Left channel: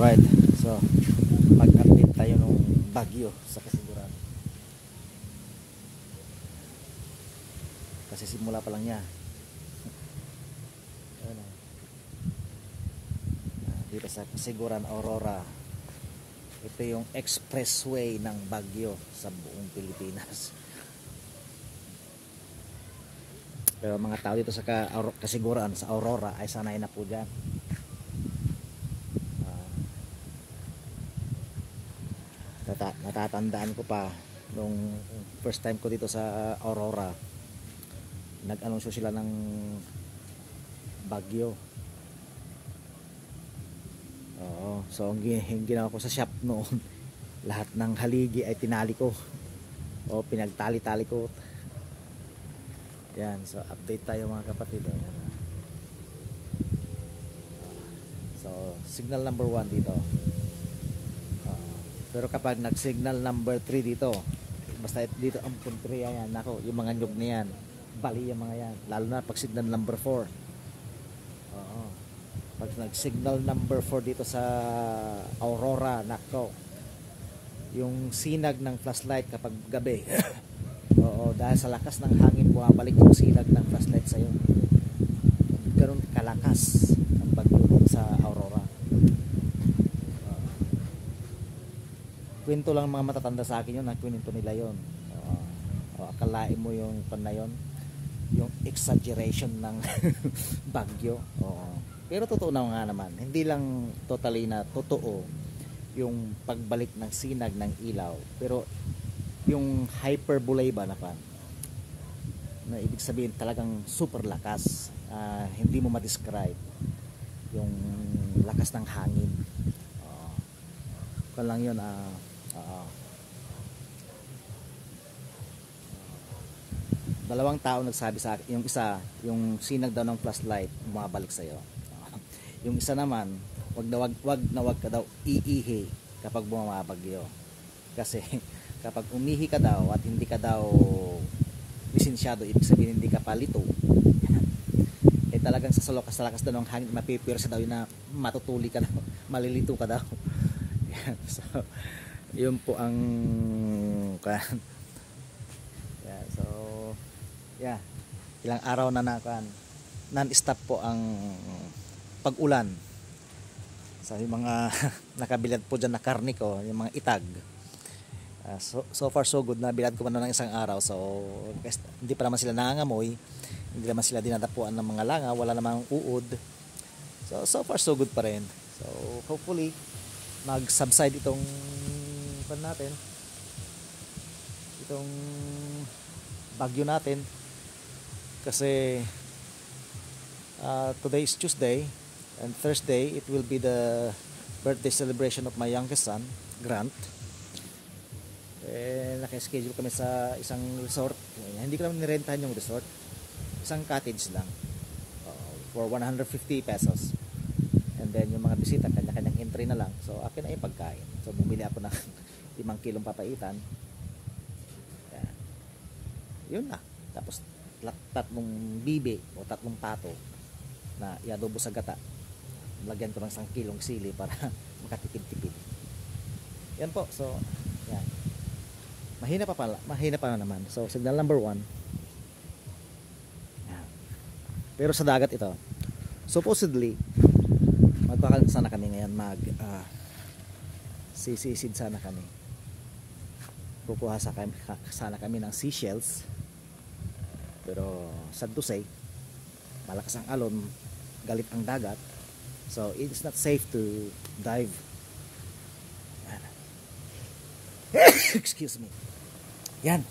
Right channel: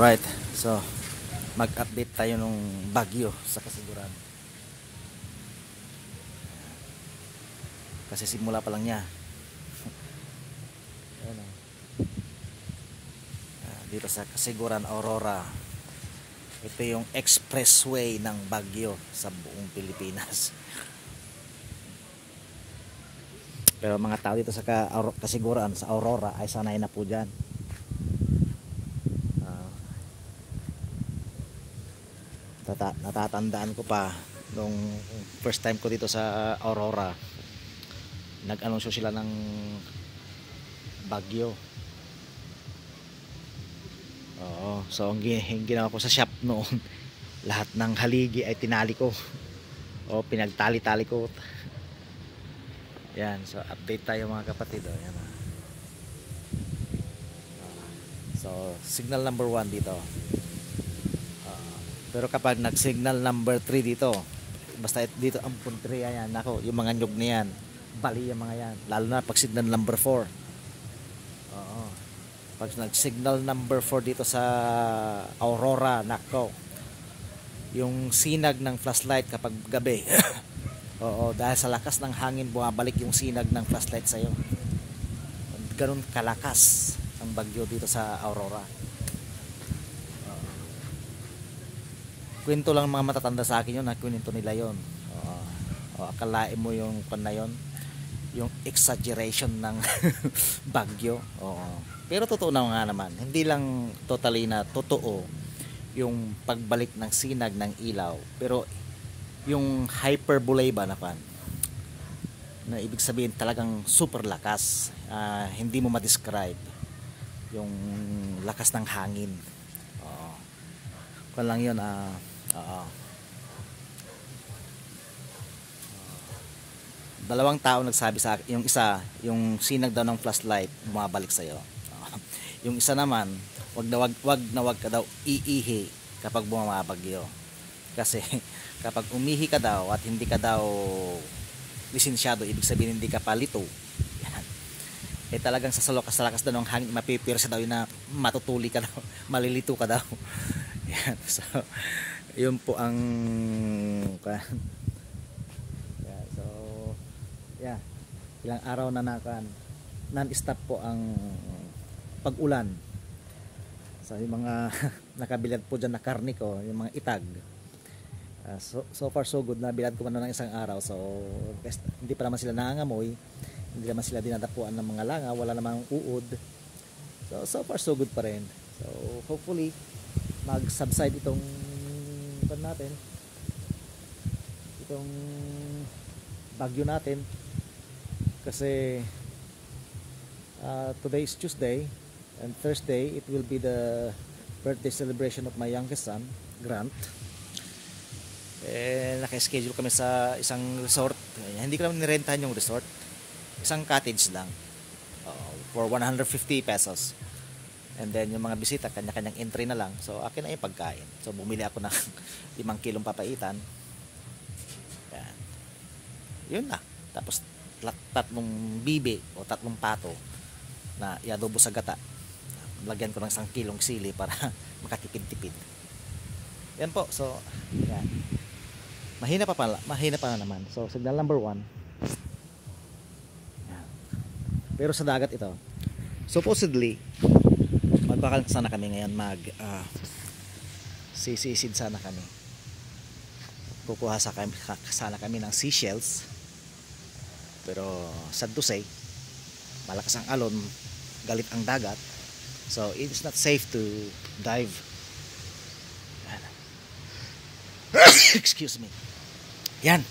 Alright, so mag-update tayo nung bagyo sa Kasiguran. Kasi simula pa lang niya. Ayan, dito sa Kasiguran, Aurora. Ito yung expressway ng bagyo sa buong Pilipinas. Pero mga tao dito sa Kasiguran, sa Aurora, ay sanay na po dyan. Natatandaan ko pa nung first time ko dito sa Aurora, nag-anunsyo sila ng bagyo. Oo, so ang ginawa ko sa shop noon, lahat ng haligi ay tinali ko o pinagtali-tali ko. Yan, so update tayo mga kapatid. Yan. So signal number 1 dito. Pero kapag nag-signal number 3 dito, basta dito ang puntriya yan, nako, yung mga nyug na yan, bali yung mga yan, lalo na pag signal number 4. Oo. Pag nag-signal number 4 dito sa Aurora, nako, yung sinag ng flashlight kapag gabi, oo, dahil sa lakas ng hangin, bumabalik yung sinag ng flashlight sa'yo. Ganun kalakas ang bagyo dito sa Aurora. Kwento lang mga matatanda sa akin yun, kwento nila yun. Akalain mo yung pan na yun, yung exaggeration ng bagyo. Pero totoo na nga naman, hindi lang totally na totoo yung pagbalik ng sinag ng ilaw, pero yung hyperbole ba na pan, na ibig sabihin talagang super lakas, hindi mo ma-describe yung lakas ng hangin. Kung lang yun, dalawang tao nagsabi sa akin, yung isa, yung sinag daw ng flashlight bumabalik sa iyo. Yung isa naman, wag ka daw iihi kapag bumabagyo. Kasi kapag umihi ka daw at hindi ka daw lisensyado, ibig sabihin hindi ka palito. Eh talagang sa lakas daw ng hangin, mapipirsa daw yun na matutuli ka daw, malilito ka daw. Yan, so yun po ang ilang araw na non-stop po ang pag-ulan. So yung mga nakabilad po dyan na karne ko, yung mga itag, so far so good, nabilad ko man na ng isang araw. So hindi pa naman sila nangangamoy, hindi naman sila dinadapuan ng mga langa, wala namang uod. So far so good pa rin. So hopefully mag-subside itong natin, itong bagyo natin, kasi today is Tuesday and Thursday it will be the birthday celebration of my youngest son, Grant. Naka-schedule kami sa isang resort. Hindi ko naman nirentahan yung resort, isang cottage lang, for 150 pesos. And then yung mga bisita, kanya-kanyang entry na lang. So akin na yung pagkain. So bumili ako ng 5 kilong papaitan. Yan. Yun na. Tapos tatlong bibe o tatlong pato na iadobo sa gata. Lagyan ko ng 1 kilong sili para makatipid-tipid. Yan po. So yan. Mahina pa naman. So signal number 1. Yan. Pero sa dagat ito, supposedly magkakaroon sana kami ngayon, sisisid sana kami, kukuha sana kami ng seashells, pero sad to say, malakas ang alon, galit ang dagat, so it's not safe to dive. Excuse me. Yan.